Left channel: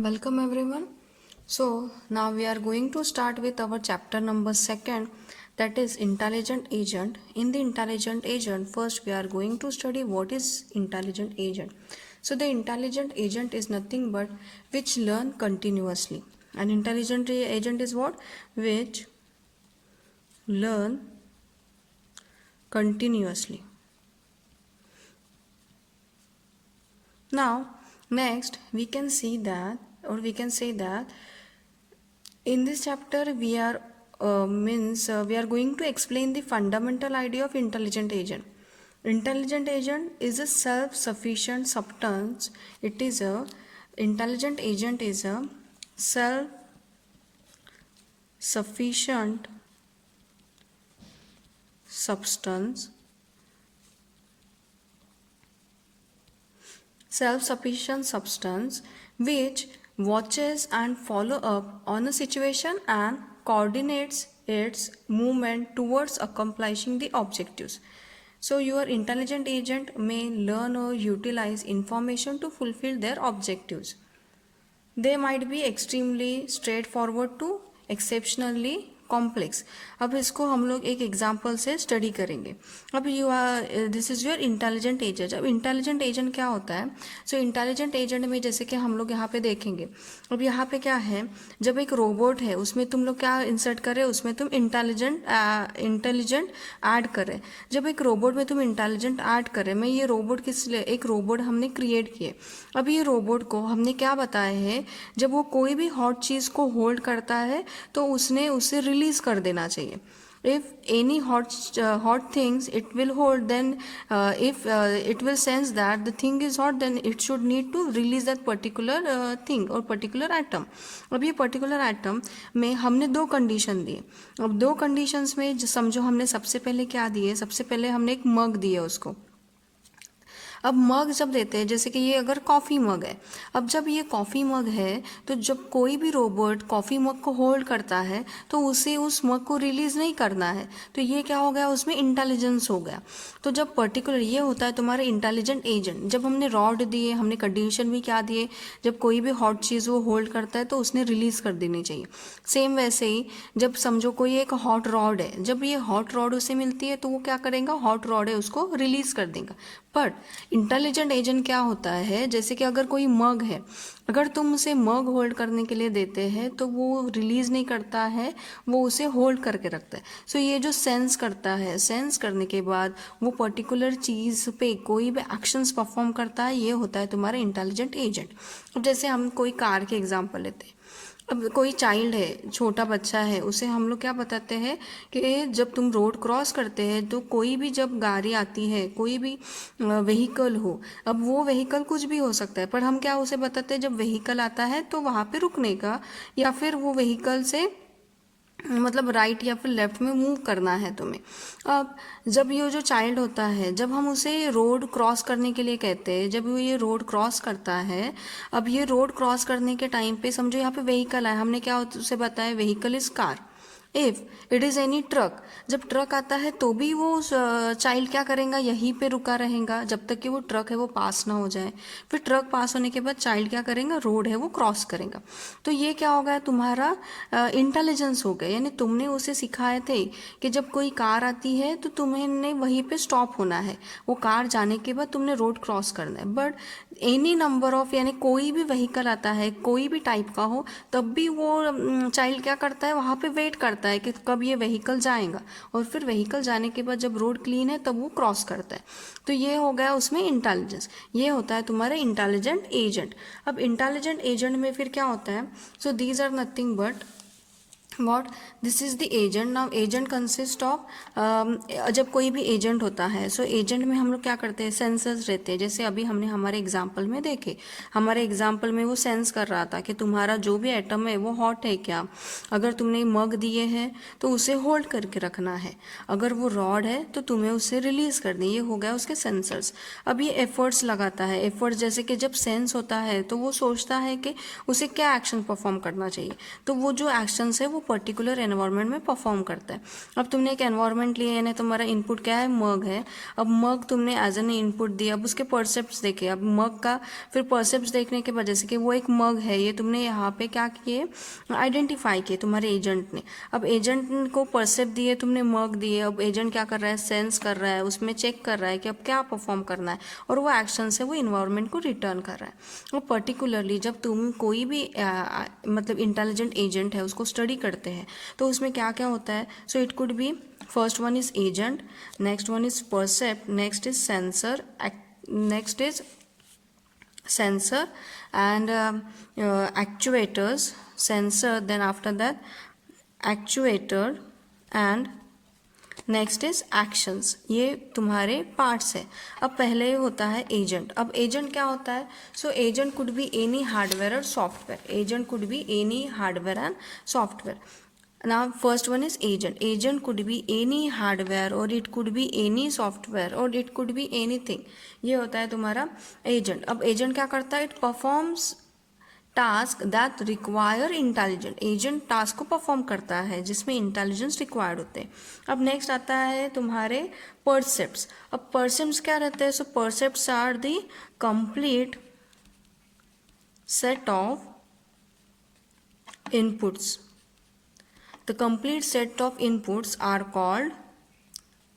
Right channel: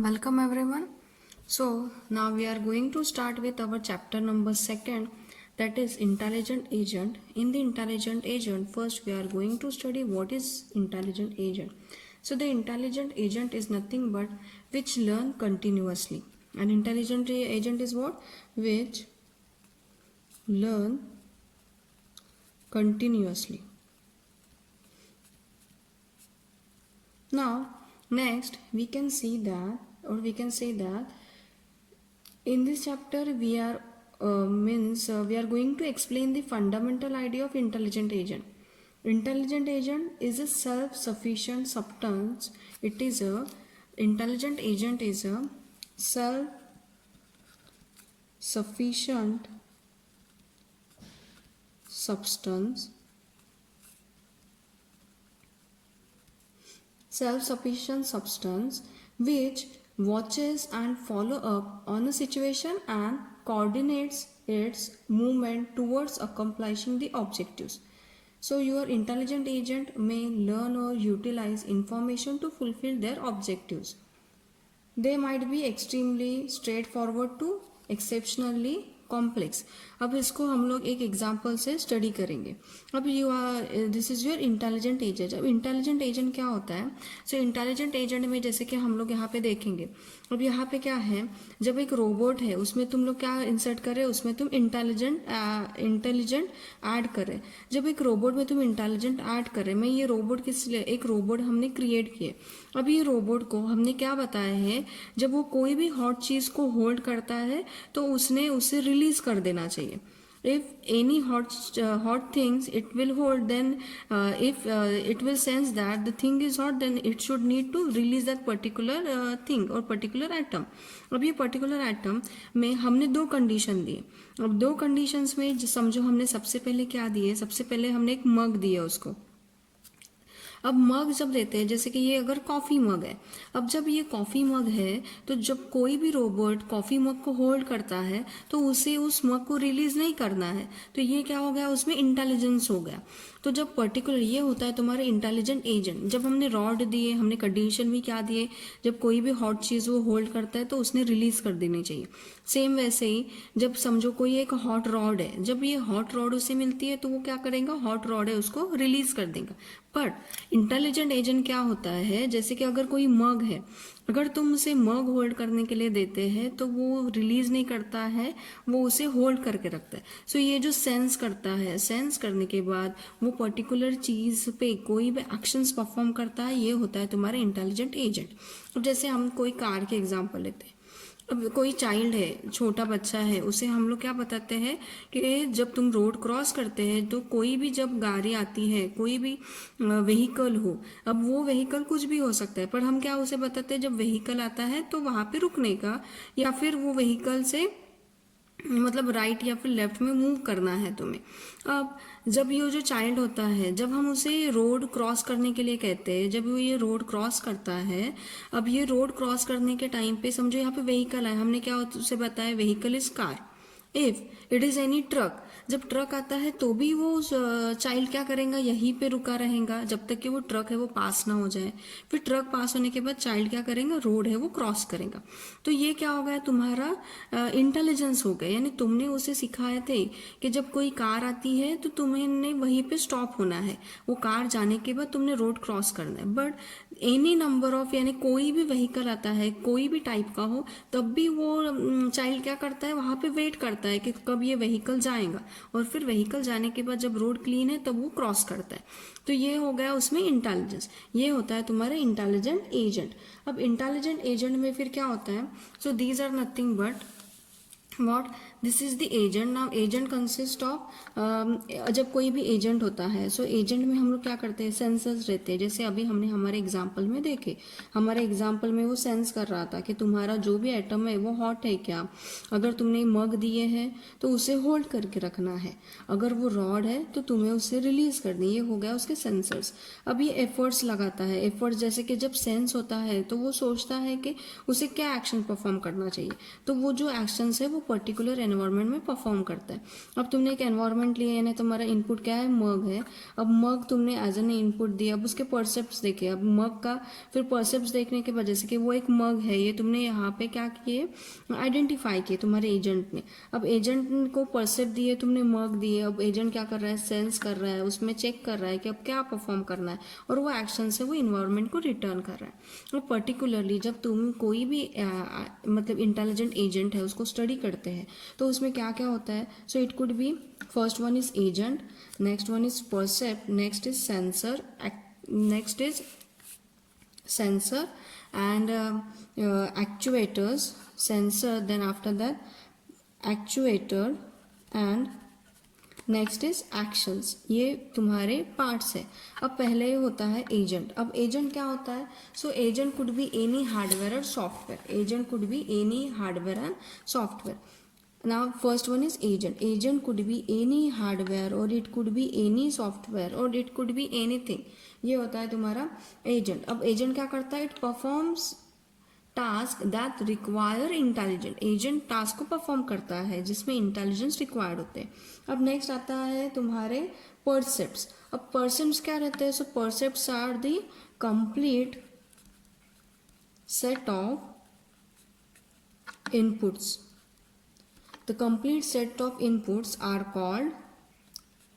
Welcome everyone. So now we are going to start with our chapter number 2, that is intelligent agent. In the intelligent agent, first we are going to study what is intelligent agent. So the intelligent agent is nothing but which learn continuously. An intelligent agent is what? Which learn continuously. Now next we can see that, or we can say that in this chapter we are we are going to explain the fundamental idea of intelligent agent. Intelligent agent is a self-sufficient substance. Intelligent agent is a self-sufficient substance. Self-sufficient substance which watches and follow up on a situation and coordinates its movement towards accomplishing the objectives. So your intelligent agent may learn or utilize information to fulfill their objectives. They might be extremely straightforward to exceptionally complex. अब इसको हम लोग एक example से study करेंगे. अब this is your intelligent agent. अब intelligent agent क्या होता है? सो इंटेलिजेंट एजेंट में जैसे कि हम लोग यहाँ पे देखेंगे. अब यहाँ पे क्या है, जब एक रोबोट है उसमें तुम लोग क्या इंसर्ट करें, उसमें तुम इंटेलिजेंट ऐड करें. जब एक रोबोट में तुम इंटेलिजेंट ऐड करें, मैं ये रोबोट किस लिए, एक रोबोट हमने क्रिएट किए. अब ये रोबोट को हमने क्या बताया है, जब वो कोई भी हॉट चीज़ को होल्ड करता है तो उसने उसे रिलीज कर देना चाहिए. If any hot things it will hold, then if it will sense that the thing is hot, then it should need to release that particular thing or particular atom. अब ये particular atom में हमने दो condition दिए. अब दो conditions में समझो हमने सबसे पहले क्या दिए, सबसे पहले हमने एक मग दिया उसको. अब मग जब देते हैं, जैसे कि ये अगर कॉफ़ी मग है, अब जब ये कॉफ़ी मग है तो जब कोई भी रोबोट कॉफ़ी मग को होल्ड करता है तो उसे उस मग को रिलीज़ नहीं करना है. तो ये क्या हो गया, उसमें इंटेलिजेंस हो गया. तो जब पर्टिकुलर ये होता है तुम्हारे इंटेलिजेंट एजेंट. जब हमने रॉड दिए, हमने कंडीशन भी क्या दिए, जब कोई भी हॉट चीज़ वो होल्ड करता है तो उसने रिलीज़ कर देनी चाहिए. सेम वैसे ही जब समझो कोई एक हॉट रॉड है, जब ये हॉट रॉड उसे मिलती है तो वो क्या करेगा, हॉट रॉड है उसको रिलीज़ कर देगा. बट इंटेलिजेंट एजेंट क्या होता है, जैसे कि अगर कोई मग है, अगर तुम उसे मग होल्ड करने के लिए देते हैं तो वो रिलीज नहीं करता है, वो उसे होल्ड करके रखता है. सो ये जो सेंस करता है, सेंस करने के बाद वो पर्टिकुलर चीज़ पे कोई भी एक्शंस परफॉर्म करता है, ये होता है तुम्हारा इंटेलिजेंट एजेंट. अब जैसे हम कोई कार के एग्जांपल लेते हैं. अब कोई चाइल्ड है, छोटा बच्चा है, उसे हम लोग क्या बताते हैं कि जब तुम रोड क्रॉस करते हैं तो कोई भी जब गाड़ी आती है, कोई भी व्हीकल हो, अब वो व्हीकल कुछ भी हो सकता है, पर हम क्या उसे बताते हैं, जब व्हीकल आता है तो वहाँ पे रुकने का, या फिर वो व्हीकल से मतलब राइट या फिर लेफ्ट में मूव करना है तुम्हें. अब जब ये जो चाइल्ड होता है, जब हम उसे रोड क्रॉस करने के लिए कहते हैं, जब वो ये रोड क्रॉस करता है, अब ये रोड क्रॉस करने के टाइम पे समझो यहाँ पे व्हीकल है, हमने क्या उसे बताया, vehicle is car. If it is any truck, जब ट्रक आता है तो भी वो चाइल्ड क्या करेगा, यहीं पे रुका रहेगा जब तक कि वो ट्रक है वो पास ना हो जाए. फिर ट्रक पास होने के बाद चाइल्ड क्या करेगा, रोड है वो क्रॉस करेगा. तो ये क्या हो गया, तुम्हारा इंटेलिजेंस हो गया. यानी तुमने उसे सिखाए थे कि जब कोई कार आती है तो तुम्हें वहीं पे स्टॉप होना है, वो कार जाने के बाद तुमने रोड क्रॉस करना है. बट एनी नंबर ऑफ, यानी कोई भी व्हीकल आता है, कोई भी टाइप का हो, तब भी वो चाइल्ड क्या करता है, वहाँ पे वेट करता है कि कब ये व्हीकल जाएगा, और फिर व्हीकल जाने के बाद जब रोड क्लीन है तब वो क्रॉस करता है. तो ये हो गया उसमें इंटेलिजेंस. ये होता है तुम्हारा इंटेलिजेंट एजेंट. अब इंटेलिजेंट एजेंट में फिर क्या होता है, so these are nothing but what, this is the agent. Now agent consist of, जब कोई भी एजेंट होता है, सो एजेंट में हम लोग क्या करते हैं, सेंसर्स रहते हैं. जैसे अभी हमने हमारे एग्जाम्पल में देखे, हमारे एग्जाम्पल में वो सेंस कर रहा था कि तुम्हारा जो भी एटम है वो हॉट है क्या. अगर तुमने मग दिए हैं तो उसे होल्ड करके रखना है, अगर वो रॉड है तो तुम्हें उसे रिलीज कर दें. ये हो गया उसके सेंसर्स. अब ये एफर्ट्स लगाता है. एफर्ट्स जैसे कि जब सेंस होता है तो वो सोचता है कि उसे क्या एक्शन परफॉर्म करना चाहिए, तो वो जो एक्शंस है वो पर्टिकुलर एनवायरनमेंट में परफॉर्म करता है। अब तुमने एक एनवायरनमेंट लिया, यानी तुम्हारा इनपुट क्या है, मग है। अब मग तुमने एज एन इनपुट दिया, अब उसके परसेप्ट्स देखे, अब मग का फिर परसेप्ट्स देखने के वजह से कि वो एक मग है, ये तुमने यहाँ पे क्या किए, आइडेंटिफाई किए तुम्हारे एजेंट ने। अब एजेंट को परसेप्ट दिए तुमने, मग दिए, अब एजेंट क्या कर रहा है, सेंस कर रहा है, उसमें चेक कर रहा है कि अब क्या परफॉर्म करना है, और वो एक्शन से वो इन्वायरमेंट को रिटर्न कर रहा है। और पर्टिकुलरली जब तुम कोई भी मतलब इंटेलिजेंट एजेंट है उसको स्टडी करते हैं तो उसमें क्या क्या होता है, so it could be first one is agent, next one is percept, next is sensor, next is sensor and actuators, sensor, then after that actuator and next is actions. ये तुम्हारे पार्ट्स है। अब पहले होता है एजेंट। अब agent क्या होता है, so agent could be any hardware और software, agent could be any hardware and software. Now first one is agent. Agent could be any hardware or it could be any software or it could be anything. ये होता है तुम्हारा agent. अब agent क्या करता है, it performs task that require intelligent. Agent task को perform करता है जिसमें इंटेलिजेंस रिक्वायर्ड होते हैं। अब नेक्स्ट आता है तुम्हारे परसेप्ट्स। अब परसेप्ट्स क्या रहते हैं, so percepts are the complete set of inputs. The complete set of inputs are called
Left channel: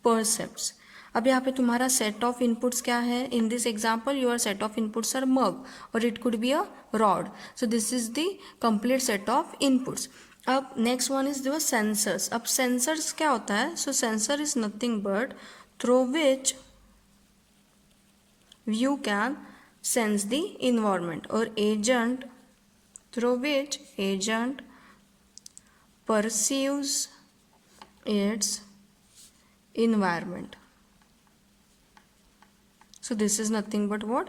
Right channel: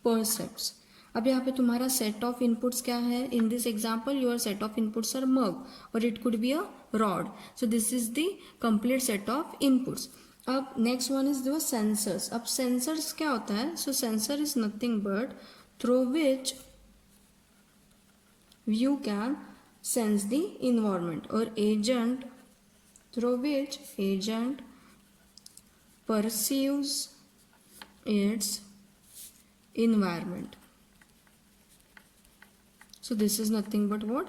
percepts. अब यहाँ पे तुम्हारा set of inputs क्या है, in this example your set of inputs are mug or it could be a rod. So this is the complete set of inputs. अब next one is the sensors. अब sensors क्या होता है, so sensor is nothing but through which you can sense the environment, or agent through which agent perceives its environment. So this is nothing but what?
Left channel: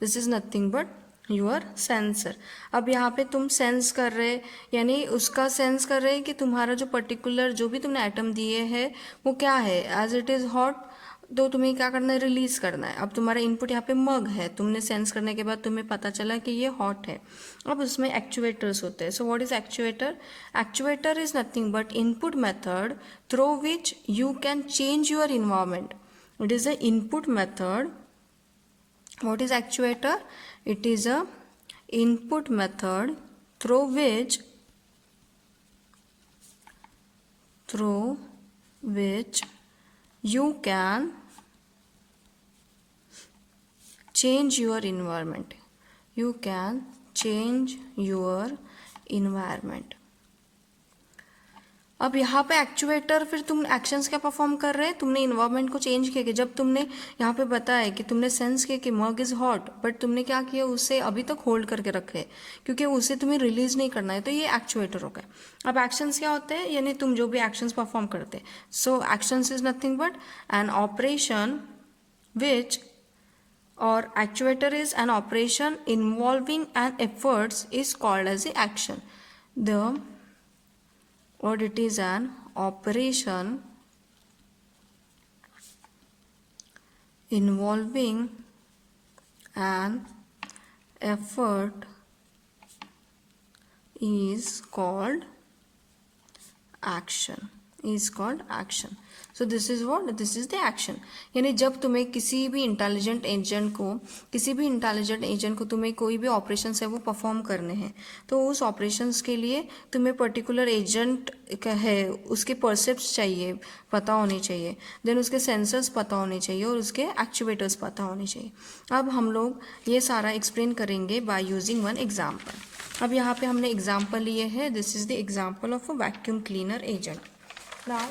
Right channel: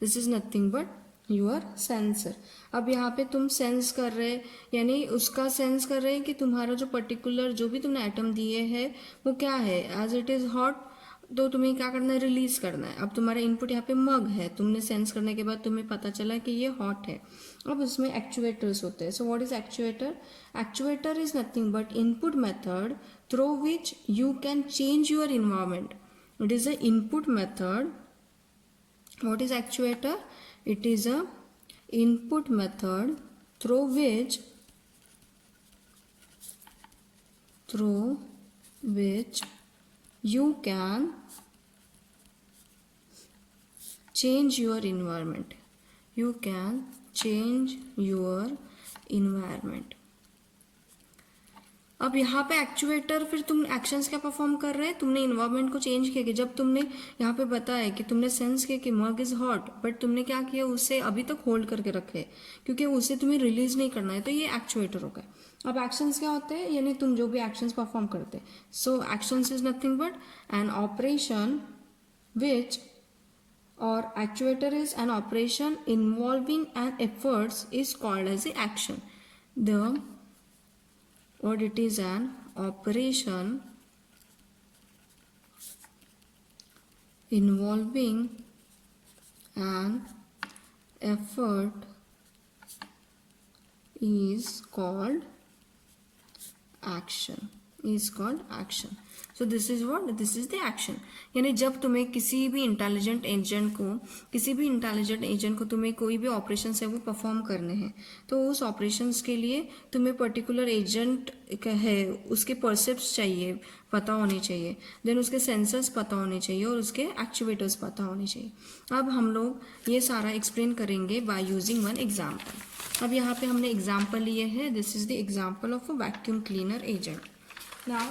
This is nothing but your sensor. अब यहाँ पे तुम sense कर रहे, यानी उसका sense कर रहे कि तुम्हारा जो पर्टिकुलर जो भी तुमने आइटम दिए है वो क्या है, एज इट इज़ हॉट, तो तुम्हें क्या करना है, रिलीज करना है। अब तुम्हारा इनपुट यहाँ पे मग है, तुमने सेंस करने के बाद तुम्हें पता चला कि ये हॉट है। अब उसमें एक्चुएटर्स होते हैं। So what is actuator? Actuator is nothing but input method through which you can change your environment. It is a input method. What is actuator? It is a input method through which you can change your environment. You can change your environment. अब यहाँ पे actuator, फिर तुम actions क्या perform कर रहे हैं, तुमने इन्वायरमेंट को चेंज किया। जब तुमने यहाँ पे बताया कि तुमने सेंस किया कि मग इज हॉट, बट तुमने क्या किया, उसे अभी तक होल्ड करके रखे क्योंकि उसे तुम्हें रिलीज नहीं करना है, तो ये एक्चुएटर हो गया। अब एक्शंस क्या होते हैं, यानी तुम जो भी एक्शंस परफॉर्म करते हैं। So actions is nothing but an operation which, और actuator is an operation involving an efforts is called as a action. Or it is an operation involving an effort is called action. So this is what? This is the action. यानी जब तुम्हें किसी भी intelligent agent को तुम्हें कोई भी operation है वो परफॉर्म करने हैं, तो उस ऑपरेशंस के लिए तुम्हें पर्टिकुलर एजेंट है, उसके परसेप्ट्स चाहिए, पता होने चाहिए, देन उसके सेंसर्स पता होने चाहिए और उसके एक्चुएटर्स पता होने चाहिए। अब हम लोग ये सारा एक्सप्लेन करेंगे बाय यूजिंग वन एग्जाम्पल। अब यहाँ पे हमने एग्जाम्पल लिए हैं। This is the example of a vacuum cleaner agent. Now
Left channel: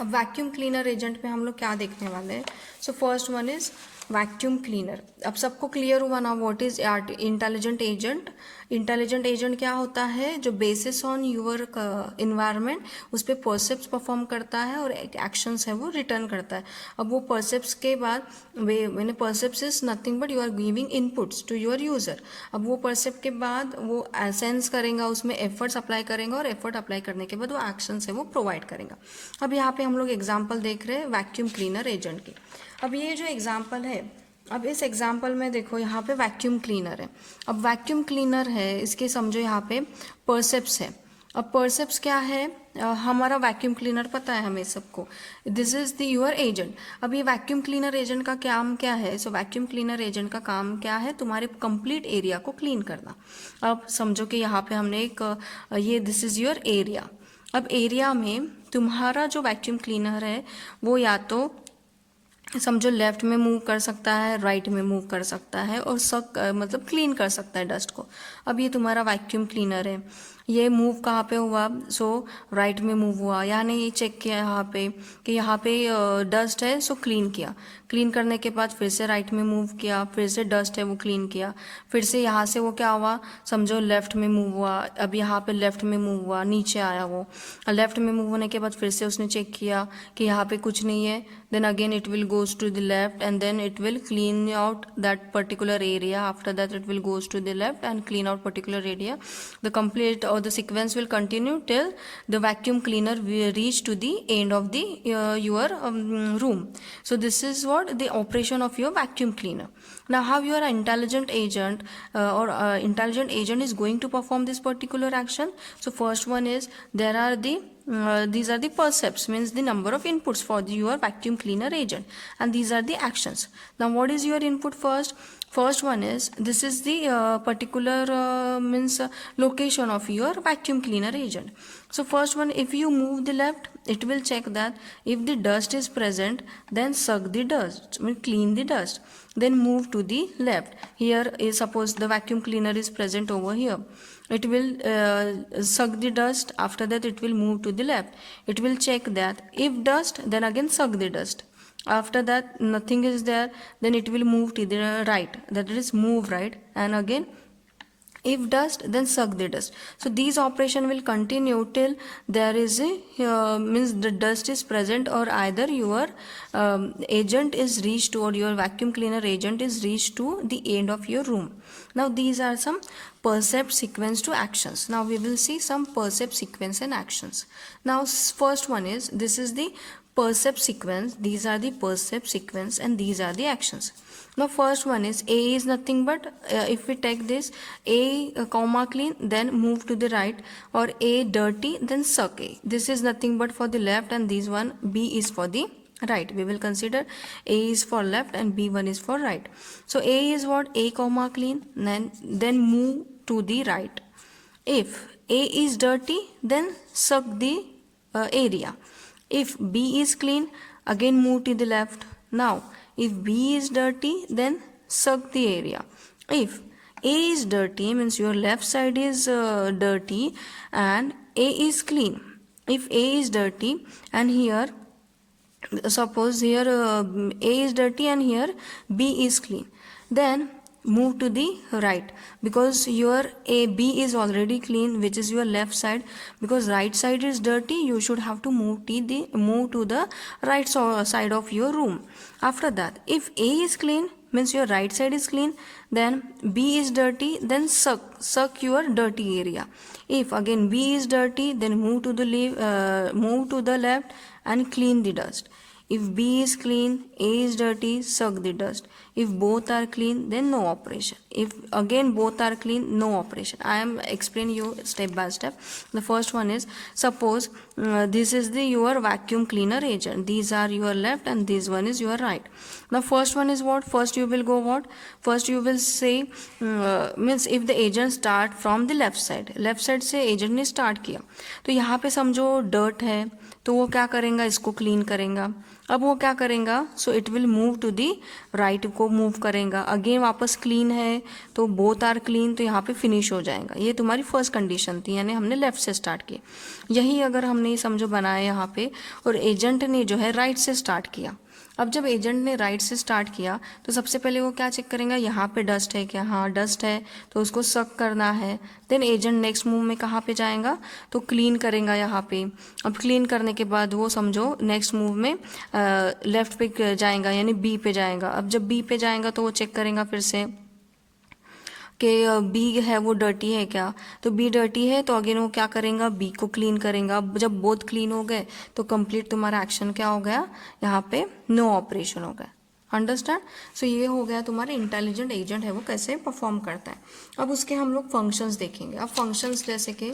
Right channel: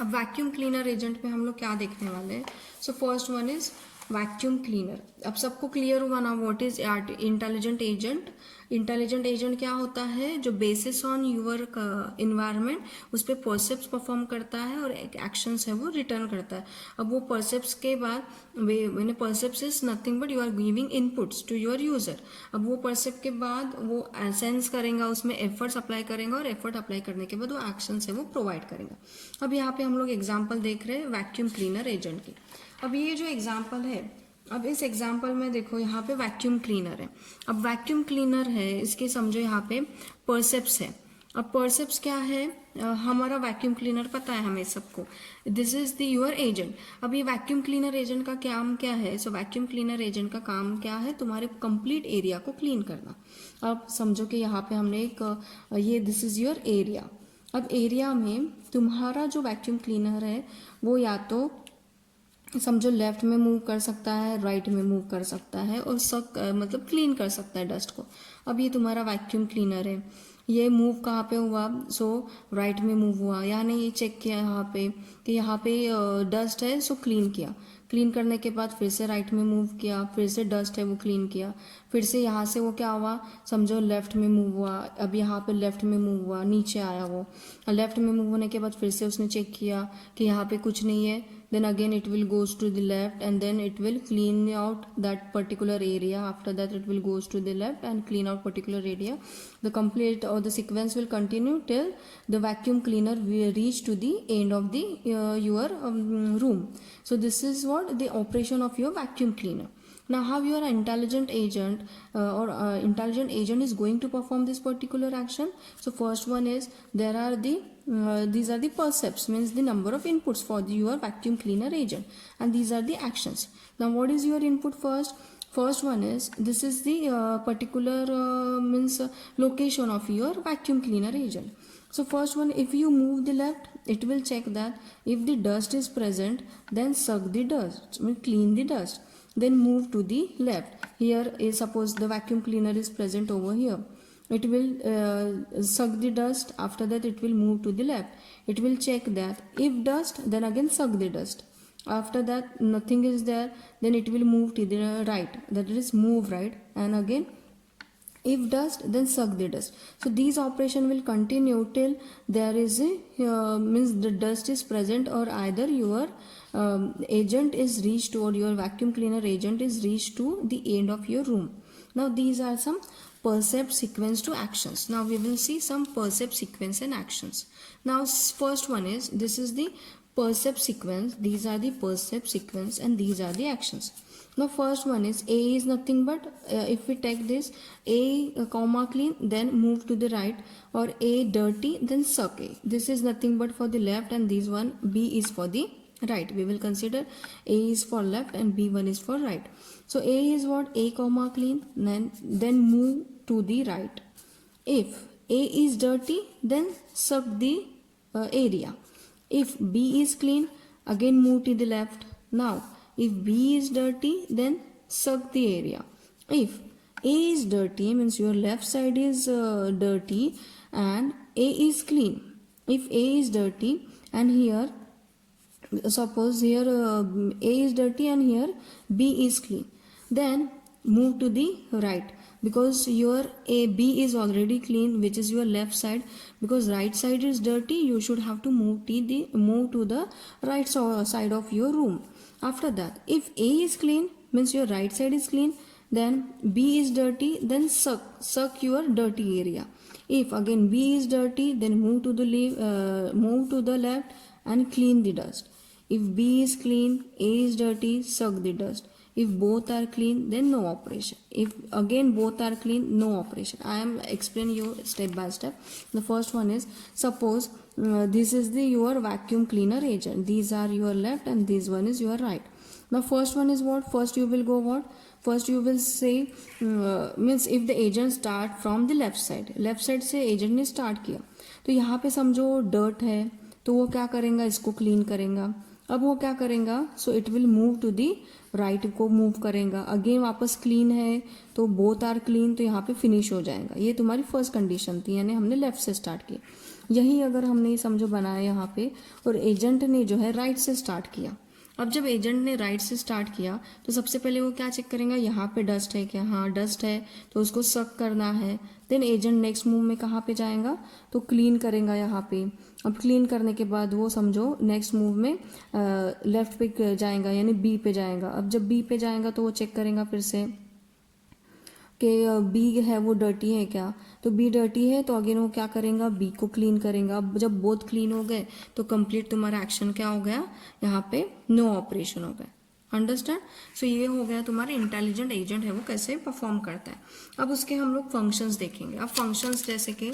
अब वैक्यूम क्लीनर एजेंट पे हम लोग क्या देखने वाले हैं, so first one is vacuum cleaner. अब सबको क्लियर हुआ ना what is intelligent agent. Intelligent agent क्या होता है, जो बेसिस ऑन यूर इन्वायरमेंट उस पर परसेप्ट्स परफॉर्म करता है और एक्शंस है वो रिटर्न करता है। अब वो परसेप्ट्स के बाद मैंने percepts is nothing but you are giving inputs to your user. अब वो परसेप्ट के बाद वो सेंस करेगा, उसमें एफर्ट्स अप्लाई करेगा और एफर्ट अप्लाई करने के बाद वो एक्शंस है वो प्रोवाइड करेगा। अब यहाँ पे हम लोग एग्जाम्पल देख रहे हैं वैक्यूम क्लीनर एजेंट की। अब ये जो एग्जाम्पल है, अब इस एग्जाम्पल में देखो यहाँ पे वैक्यूम क्लीनर है। अब वैक्यूम क्लीनर है, इसके समझो यहाँ पे परसेप्ट्स है। अब परसेप्स क्या है, हमारा वैक्यूम क्लीनर पता है हमें सबको, this is the your agent. अब ये वैक्यूम क्लीनर एजेंट का काम क्या है, सो वैक्यूम क्लीनर एजेंट का काम क्या है, तुम्हारे कंप्लीट एरिया को क्लीन करना। अब समझो कि यहाँ पे हमने एक ये दिस इज योर एरिया। अब एरिया में तुम्हारा जो वैक्यूम क्लीनर है वो या तो समझो लेफ्ट में मूव कर सकता है, राइट में मूव कर सकता है और सब मतलब क्लीन कर सकता है डस्ट को। अब ये तुम्हारा वैक्यूम क्लीनर है, ये मूव कहाँ पे हुआ, सो राइट में मूव हुआ, यानी ये चेक किया यहाँ पे कि यहाँ पे डस्ट है, सो क्लीन किया, क्लीन करने के बाद फिर से राइट में मूव किया, फिर से डस्ट है वो क्लीन किया, फिर से यहाँ से वो क्या हुआ, समझो लेफ्ट में मूव हुआ, अब यहाँ पे लेफ्ट में मूव हुआ, नीचे आया वो, लेफ्ट में मूव होने के बाद फिर से उसने चेक किया कि यहाँ पे कुछ नहीं है, then again it will goes to the left and then it will clean out that particular area. After that it will goes to the left and clean out particular area. The complete or the sequence will continue till the vacuum cleaner will reach to the end of the your room. So this is what the operation of your vacuum cleaner. Now how your intelligent agent intelligent agent is going to perform this particular action. So first one is there are the these are the percepts, means the number of inputs for your vacuum cleaner agent, and these are the actions. Now what is your input first? First one is this is the particular means location of your vacuum cleaner agent. So first one, if you move the left, it will check that if the dust is present, then suck the dust, mean clean the dust. Then move to the left. Here is suppose the vacuum cleaner is present over here. It will suck the dust. After that it will move to the left. It will check that if dust, then again suck the dust. After that nothing is there, then it will move to the right, that is move right, and again if dust, then suck the dust. So these operation will continue till there is a means the dust is present, or either your agent is reached, or your vacuum cleaner agent is reached to the end of your room. Now these are some percept sequence to actions. Now we will see some percept sequence and actions. Now first one is this is the percept sequence, these are the percept sequence, and these are the actions. Now first one is A is nothing but if we take this A comma clean, then move to the right, or A dirty, then suck A. This is nothing but for the left, and this one B is for the right. We will consider A is for left and B1 is for right. So A is what, A comma clean, then move to the right. If A is dirty, then suck the area. If B is clean, again move to the left. Now if B is dirty, then suck the area. If A is dirty, means your left side is dirty and A is clean. If A is dirty and here suppose here A is dirty and here B is clean, then move to the right, because your B is already clean, which is your left side, because right side is dirty, you should have to move to the right side of your room. After that, if A is clean, means your right side is clean, then B is dirty, then suck your dirty area. If again B is dirty, then move to the left and clean the dust. If B is clean, A is dirty, suck the dust. If both are clean, then no operation. If again both are clean, no operation. I am explaining you step by step. The first one is, suppose this is your vacuum cleaner agent. These are your left and this one is your right. Now first one is what? First you will go what? First you will say means if the agent start from the left side से agent ने start किया, तो यहाँ पे समझो dirt है, तो वो क्या करेगा, इसको clean करेगा. अब वो क्या करेगा, so it will move to the right को मूव करेगा, अगेन वापस क्लीन है तो बोथ आर क्लीन, तो यहाँ पे फिनिश हो जाएगा. ये तुम्हारी फर्स्ट कंडीशन थी, यानी हमने लेफ्ट से स्टार्ट किया. यही अगर हमने समझो बनाया यहाँ पे और एजेंट ने जो है राइट से स्टार्ट किया. अब जब एजेंट ने राइट से स्टार्ट किया तो सबसे पहले वो क्या चेक करेगा, यहाँ पे डस्ट है क्या, हाँ डस्ट है, तो उसको सक करना है. देन एजेंट नेक्स्ट मूव में कहाँ पे जाएगा, तो क्लीन करेगा यहाँ पे. अब क्लीन करने के बाद वो समझो नेक्स्ट मूव में लेफ्ट पे जाएगा, यानी बी पे जाएगा. अब जब बी पे जाएगा तो वो चेक करेगा फिर से कि बी है वो डर्टी है क्या, तो बी डर्टी है तो अगेन वो क्या करेगा, बी को क्लीन करेगा. अब जब बोथ क्लीन हो गए तो कंप्लीट तुम्हारा एक्शन क्या हो गया, यहाँ पे नो ऑपरेशन हो गया. अंडरस्टैंड. सो ये हो गया तुम्हारा इंटेलिजेंट एजेंट है वो कैसे परफॉर्म करता है. अब उसके हम लोग फंक्शंस देखेंगे. अब फंक्शंस जैसे कि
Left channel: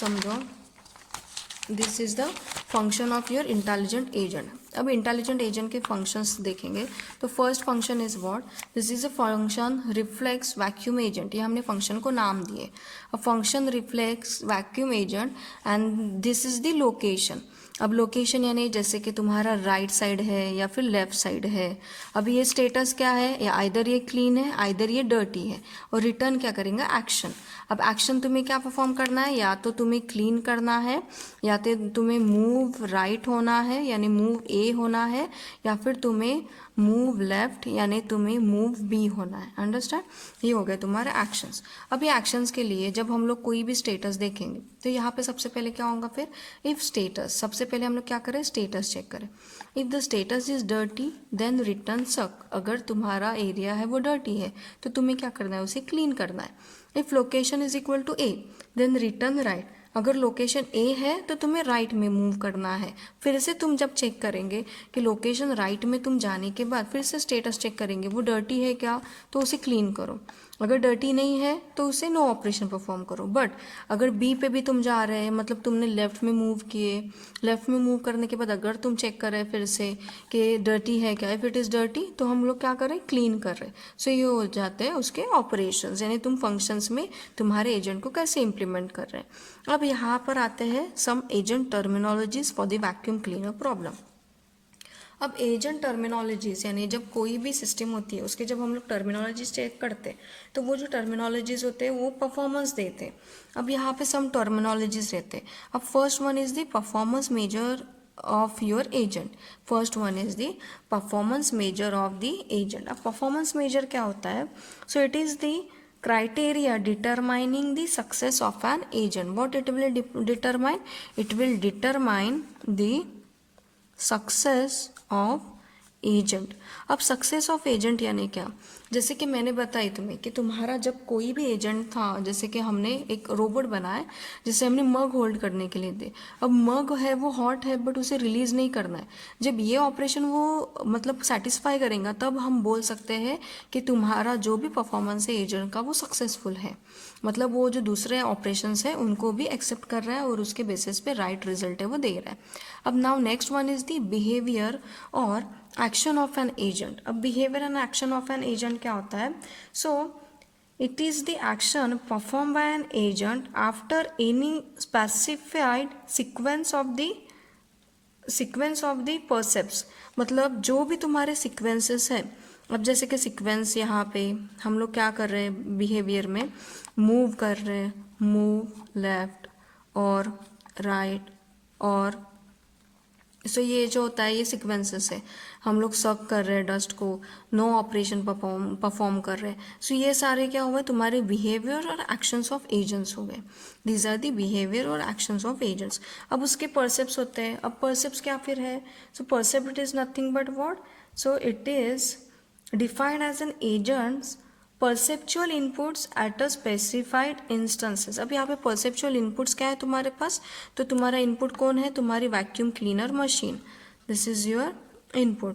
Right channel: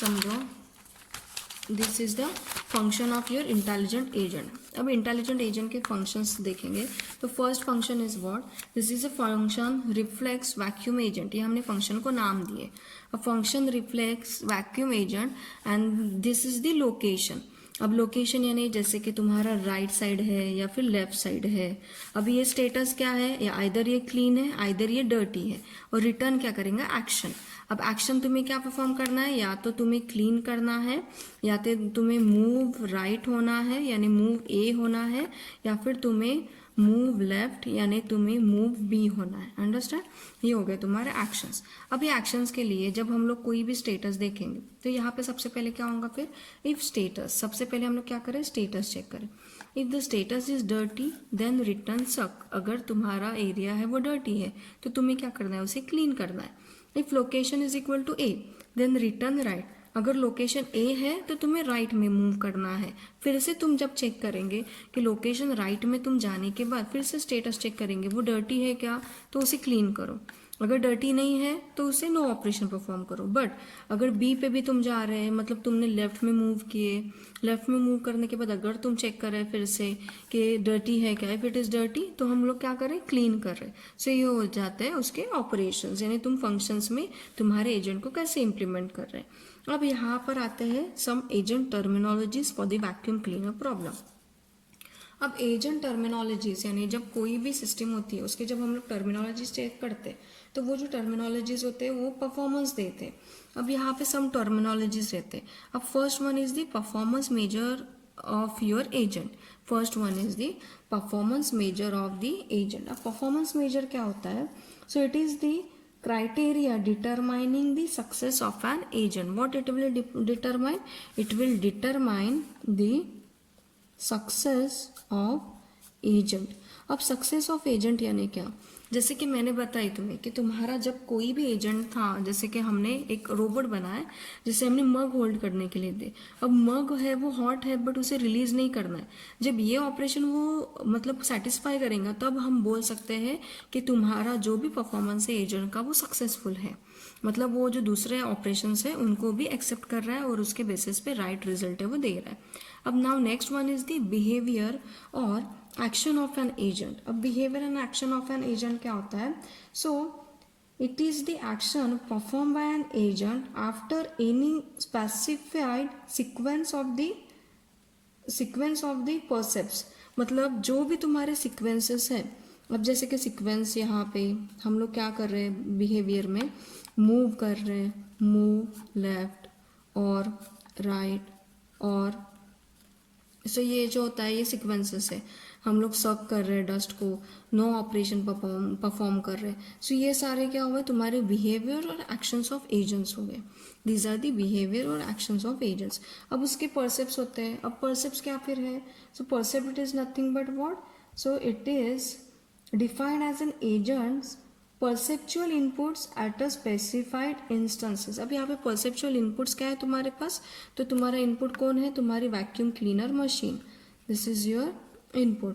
समझो this is the function of your intelligent agent. अब इंटेलिजेंट एजेंट के फंक्शंस देखेंगे तो first function is what, this is a function reflex vacuum agent. ये हमने फंक्शन को नाम दिए, a function reflex vacuum agent and this is the location. अब लोकेशन यानी जैसे कि तुम्हारा राइट साइड है या फिर लेफ्ट साइड है. अब ये स्टेटस क्या है, या आइदर ये क्लीन है आइदर ये डर्टी है, और रिटर्न क्या करेंगे, एक्शन. अब एक्शन तुम्हें क्या परफॉर्म करना है, या तो तुम्हें क्लीन करना है, या तो तुम्हें मूव राइट होना है यानी मूव ए होना है, या फिर तुम्हें मूव लेफ्ट यानी तुम्हें मूव बी होना है. अंडरस्टैंड. ये हो गए तुम्हारे एक्शंस. अब ये एक्शंस के लिए जब हम लोग कोई भी स्टेटस देखेंगे तो यहाँ पे सबसे पहले क्या होगा, फिर इफ स्टेटस. सबसे पहले हम लोग क्या करें, स्टेटस चेक करें. If the status is dirty then return suck. अगर तुम्हारा एरिया है वो डर्टी है तो तुम्हें क्या करना है, उसे क्लीन करना है. If location is equal to A then return right. अगर लोकेशन ए है तो तुम्हें राइट में मूव करना है. फिर से तुम जब चेक करेंगे कि लोकेशन राइट में तुम जाने के बाद फिर से स्टेटस चेक करेंगे वो डर्टी है क्या, तो उसे क्लीन करो. अगर डर्टी नहीं है तो उसे नो ऑपरेशन परफॉर्म करो. बट अगर बी पे भी तुम जा रहे हैं, मतलब तुमने लेफ्ट में मूव किए, लेफ्ट में मूव करने के बाद अगर तुम चेक कर रहे हैं फिर से कि डर्टी है क्या, इफ इट इज़ डर्टी तो हम लोग क्या करें, क्लीन कर रहे हैं. सो ये हो जाते हैं उसके ऑपरेशंस, यानी तुम फंक्शंस में तुम्हारे एजेंट को कैसे इंप्लीमेंट कर रहे हैं. अब यहाँ पर आते हैं some agent terminologies for the vacuum cleaner problem. अब एजेंट टर्मिनोलॉजीज यानी जब कोई भी सिस्टम होती है उसके जब हम लोग टर्मिनोलॉजीज चेक करते हैं तो वो जो टर्मिनोलॉजीज होते हैं वो परफॉर्मेंस देते हैं. अब यहाँ पे सम टर्मिनोलॉजीज रहते हैं. अब first one is the performance measure of your agent. First one is the performance measure of the agent. अब परफॉर्मेंस मेजर क्या होता है, so it is the criteria determining the success of an agent. What it will determine, it will determine the success of agent. अब success of agent यानी क्या, जैसे कि मैंने बताई तुम्हें कि तुम्हारा जब कोई भी एजेंट था, जैसे कि हमने एक रोबोट बनाया जिसे हमने मग होल्ड करने के लिए दे. अब मग है वो हॉट है बट उसे रिलीज नहीं करना है. जब ये ऑपरेशन वो मतलब सेटिस्फाई करेगा तब हम बोल सकते हैं कि तुम्हारा जो भी परफॉर्मेंस है एजेंट का वो सक्सेसफुल है. मतलब वो जो दूसरे ऑपरेशंस है उनको भी एक्सेप्ट कर रहा है और उसके बेसिस पे राइट रिजल्ट है वो दे रहा है. अब now next one is the behaviour और एक्शन ऑफ एन एजेंट. अब behaviour and action of an agent क्या होता है, so it is the action perform by an agent after any specified sequence of the percepts. मतलब जो भी तुम्हारे sequences है. अब जैसे कि सीक्वेंस यहाँ पे हम लोग क्या कर रहे हैं, बिहेवियर में मूव कर रहे हैं, मूव लेफ्ट और राइट और सो ये जो होता है ये सीक्वेंसेस है. हम लोग सक कर रहे हैं डस्ट को, नो ऑपरेशन परफॉर्म कर रहे हैं. सो ये सारे क्या हुए, तुम्हारे बिहेवियर और एक्शंस ऑफ एजेंट्स हो गए. दीज आर दी बिहेवियर और एक्शंस ऑफ एजेंट्स. अब उसके परसेप्ट्स होते हैं. अब परसेप्ट्स क्या फिर है, so percept it is nothing but what, so it is defined as an agent's perceptual inputs at a specified instances. अब यहाँ पे perceptual inputs क्या है तुम्हारे पास, तो तुम्हारा input कौन है, तुम्हारी vacuum cleaner machine. This is your input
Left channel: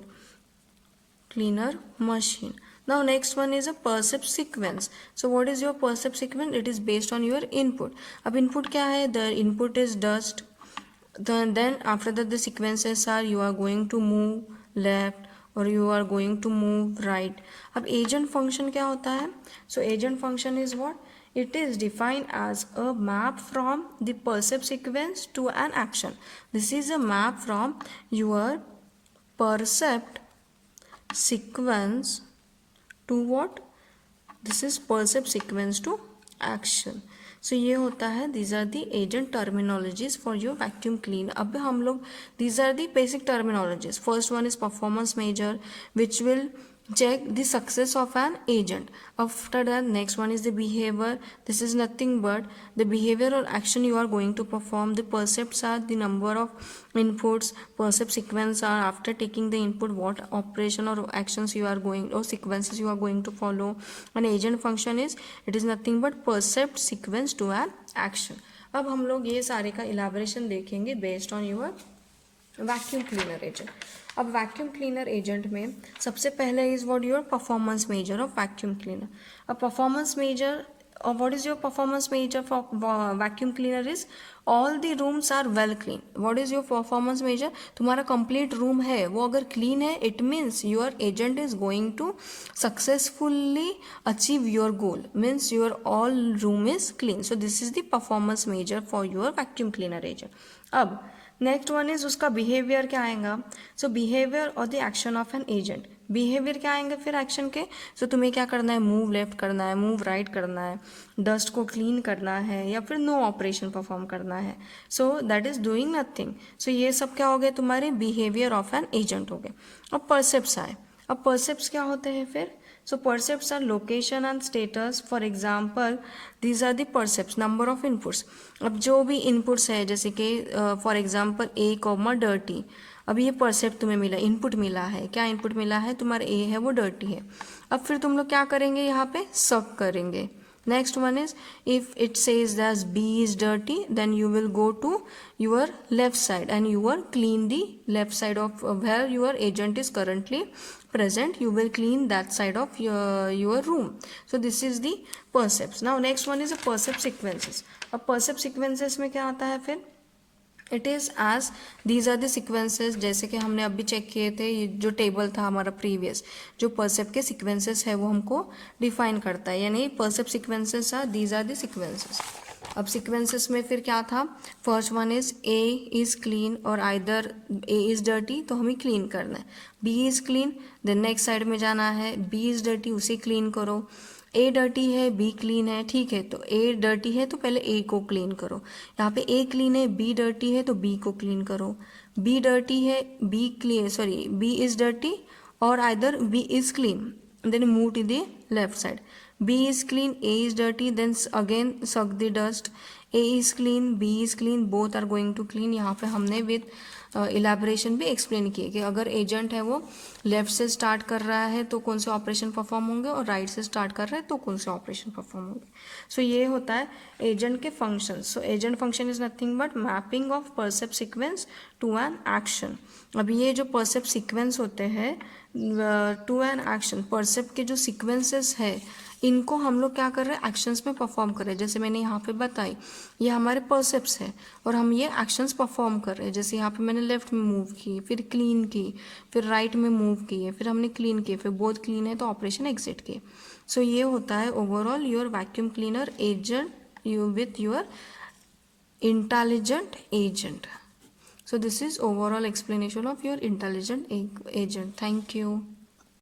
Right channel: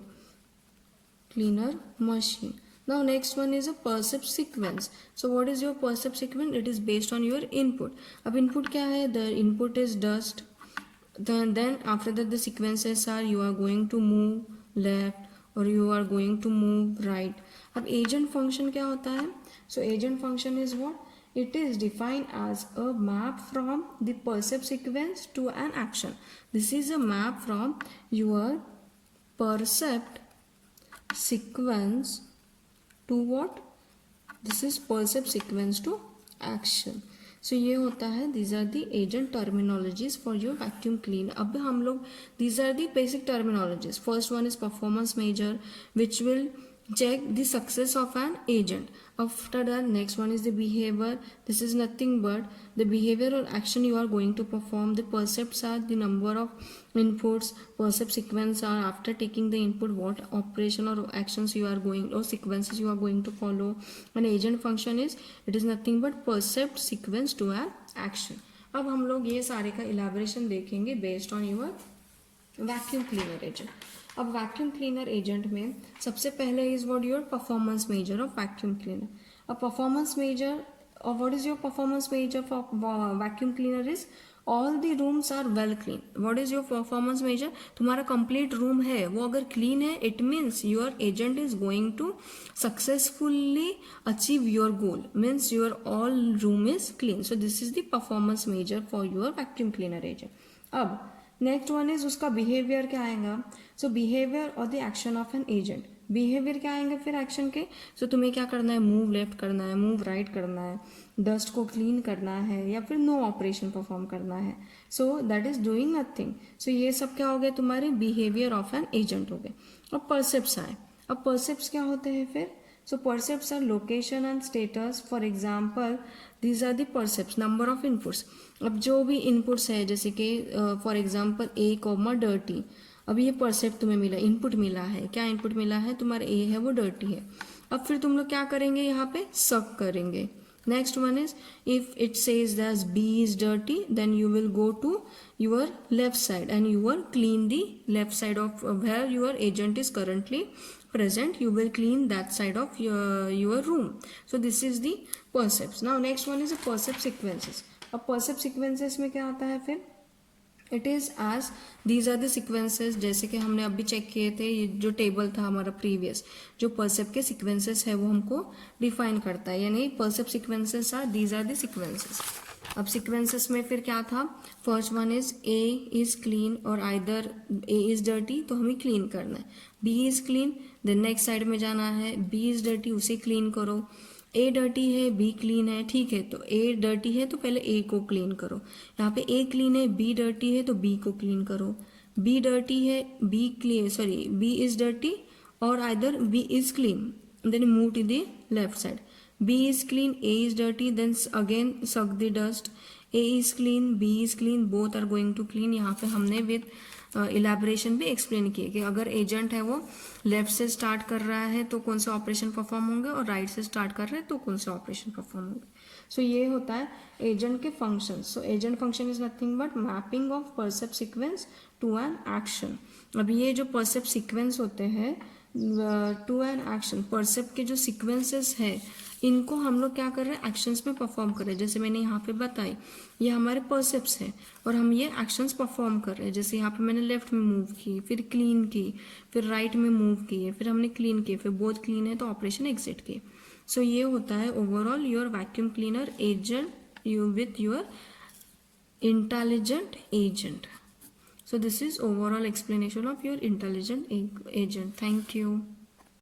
cleaner machine. Now next one is a percept sequence. So what is your percept sequence, it is based on your input. अब input क्या है, the input is dust, then after that the sequences are you are going to move left और you are going to move right. अब agent function क्या होता है, so agent function is what, it is defined as a map from the percept sequence to an action. This is a map from your percept sequence to what, this is percept sequence to action. So ये होता है, these are the agent terminologies for your vacuum clean. अब हम लोग these are the basic terminologies. First one is performance major which will check the success of an agent. After that next one is the behavior. This is nothing but the behavior or action you are going to perform. The percepts are the number of inputs. Percept sequence are after taking the input what operation or actions you are going or sequences you are going to follow. An agent function is it is nothing but percept sequence to an action. अब हम लोग ये सारे का elaboration देखेंगे based on your vacuum cleaner agent. अब vacuum cleaner agent में सबसे पहले is what your performance measure of vacuum cleaner. अब performance measure what is your performance measure for vacuum cleaner is all the rooms are well clean. What is your performance measure? तुम्हारा complete room है वो अगर clean है, it means your agent is going to successfully achieve your goal, means your all room is clean. So this is the performance measure for your vacuum cleaner agent. अब next one is उसका behaviour क्या आएगा. सो behaviour और the action of an agent. Behaviour क्या आएंगे फिर action के. सो तुम्हें क्या करना है, मूव लेफ्ट करना है, मूव राइट करना है, डस्ट को क्लीन करना है, या फिर नो ऑपरेशन परफॉर्म करना है. So that is doing nothing. So ये सब क्या हो गए तुम्हारे बिहेवियर ऑफ एन एजेंट हो गए. अब परसेप्ट्स आए. अब परसेप्ट्स क्या होते हैं फिर. So percepts are location and status. For example, these are the percepts, number of inputs. अब जो भी inputs है जैसे कि for example A, dirty. अब ये percept तुम्हें मिला, input मिला है. क्या input मिला है, तुम्हारा A है वो dirty है. अब फिर तुम लोग क्या करेंगे, यहाँ पे suck करेंगे. Next one is if it says that B is dirty, then you will go to your left side and you will clean the left side of where your agent is currently present. You will clean that side of your room. So this is the percepts. Now next one is a percept sequences. अब percept sequences में क्या आता है फिर. It is as these are the sequences. जैसे कि हमने अभी चेक किए थे, ये जो टेबल था हमारा प्रीवियस, जो परसेप्ट के सिक्वेंसेस है वो हमको डिफाइन करता है. यानी percept sequences are these are the sequences. अब सिक्वेंसेस में फिर क्या था, first one is A is clean और आइदर ए इज डर्टी, तो हमें क्लीन करना है. B is clean, then next side में जाना है, बी इज डर्टी उसे क्लीन करो. ए डर्टी है, बी क्लीन है, ठीक है, तो ए डर्टी है तो पहले ए को क्लीन करो. यहाँ पे ए क्लीन है, बी डर्टी है तो बी को क्लीन करो. बी डर्टी है, B clean, sorry B is dirty और either B is clean, then move to the left side. B is clean, A is dirty, then again suck the dust. A is clean, B is clean, both are going to clean. यहाँ पे हमने with elaboration भी explain किए कि अगर agent है वो left से स्टार्ट कर रहा है तो कौन से ऑपरेशन परफॉर्म होंगे और राइट से स्टार्ट कर रहा है तो कौन से ऑपरेशन परफॉर्म होंगे. सो ये होता है एजेंट के फंक्शन. So agent function is nothing but mapping of percept sequence to an action. अब ये जो परसेप्ट सीक्वेंस होते हैं टू एन एक्शन, परसेप्ट के जो सीक्वेंसेस है इनको हम लोग क्या कर रहे हैं, एक्शंस में परफॉर्म कर रहे हैं. जैसे मैंने यहाँ पे बताई ये हमारे परसेप्ट्स है और हम ये एक्शंस परफॉर्म कर रहे हैं. जैसे यहाँ पे मैंने लेफ्ट में मूव की, फिर क्लीन की, फिर राइट में मूव किए, फिर हमने क्लीन किए, फिर बोथ क्लीन है तो ऑपरेशन एग्जिट किए. सो ये होता है overall your vacuum cleaner agent you with your intelligent agent. So this is overall explanation of your intelligent agent. Thank you.